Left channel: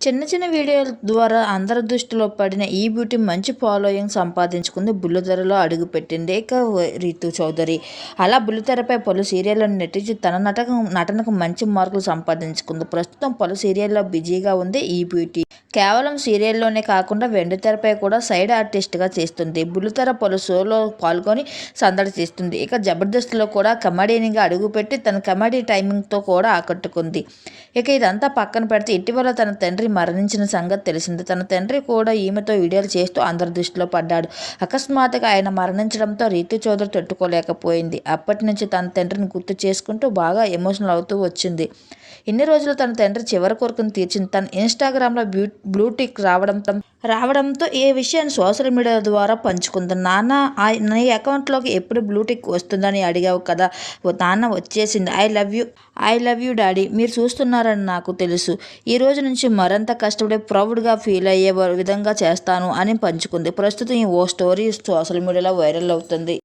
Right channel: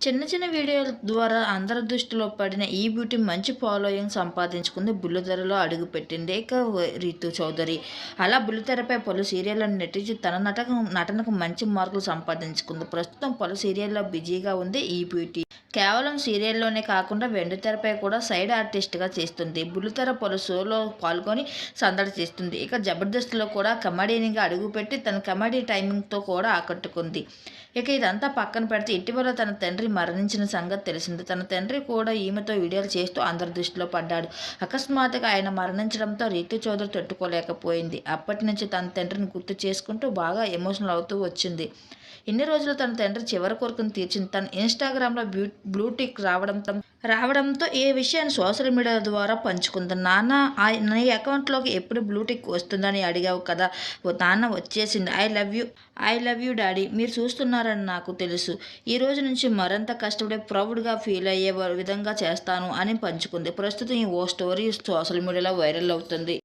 చిన్న చిన్న వీడియోల ద్వారా అందరి దృష్టిలో పడిన ఈ బ్యూటీ మంచి ఫాలోయింగ్ సంపాదించుకుంది బుల్లితెరలో అడుగుపెట్టింది ఇక రీతు చౌదరి. అలా బుల్లితెరపై పలు సీరియళ్ళను నటించి తన నటక నటనకు మంచి మార్కులు సంపాదించుకుంది. ప్రస్తుతం పలు సీరియల్లో బిజీగా ఉంది ఈ బ్యూటీ. కేవలం సీరియల్లోనే కాకుండా వెండితెరపై కూడా సైడ్ ఆర్టిస్ట్గా చేస్తుంది. బుల్లితెర పలు షోలో పాల్గొని సందడి చేస్తుంది. ఇక జబర్దస్త్లో కూడా కమెడీనిగా అడుగుపెట్టి తన కమెడీ టైమింగ్తో కూడా ఆకట్టుకుంది. ఇక ఇదంతా పక్కన పెడితే ఇటీవల తన తండ్రి మరణించిన సంగతి తెలిసింది. తన తండ్రి కూడా ఈమెతో వీడియోలు చేస్తూ అందరి దృష్టిలో పడ్డాడు. అకస్మాత్తుగా ఆయన మరణించడంతో రీతు చౌదరి తట్టుకోలేకపోయింది. అప్పటి నుంచి తన తండ్రిని గుర్తు చేసుకుంటూ బాగా ఎమోషనల్ అవుతూ వచ్చింది. ఇన్ని రోజులు తన తండ్రి చివరి కోరికను తీర్చింది. తన ఇన్స్టాగ్రామ్లో బ్యూ బ్లూటిక్ రావడంతో రావడంతో ఈ విషయాన్ని సోషల్ మీడియా ద్వారా పంచుకుంది? నాన్న ఆ- నీ అకౌంట్లోకి ఎప్పుడు బ్లూటిక్ వస్తుందని అడిగావు కదా? ఓ నాన్న వచ్చేసింది. I love you I love you daddy. మీరు చూస్తున్నారని నాకు తెలుసు. ఈ రోజు నుంచి మరింత కష్టపడి ప్రౌడ్గా ఫీల్ అయ్యే విధంగా చేస్తాను అని పంచుకుంది. ప్రస్తుతం ఈ ఓ స్టోరీ సోషల్ మీడియాలో వైరల్ అవుతుంది.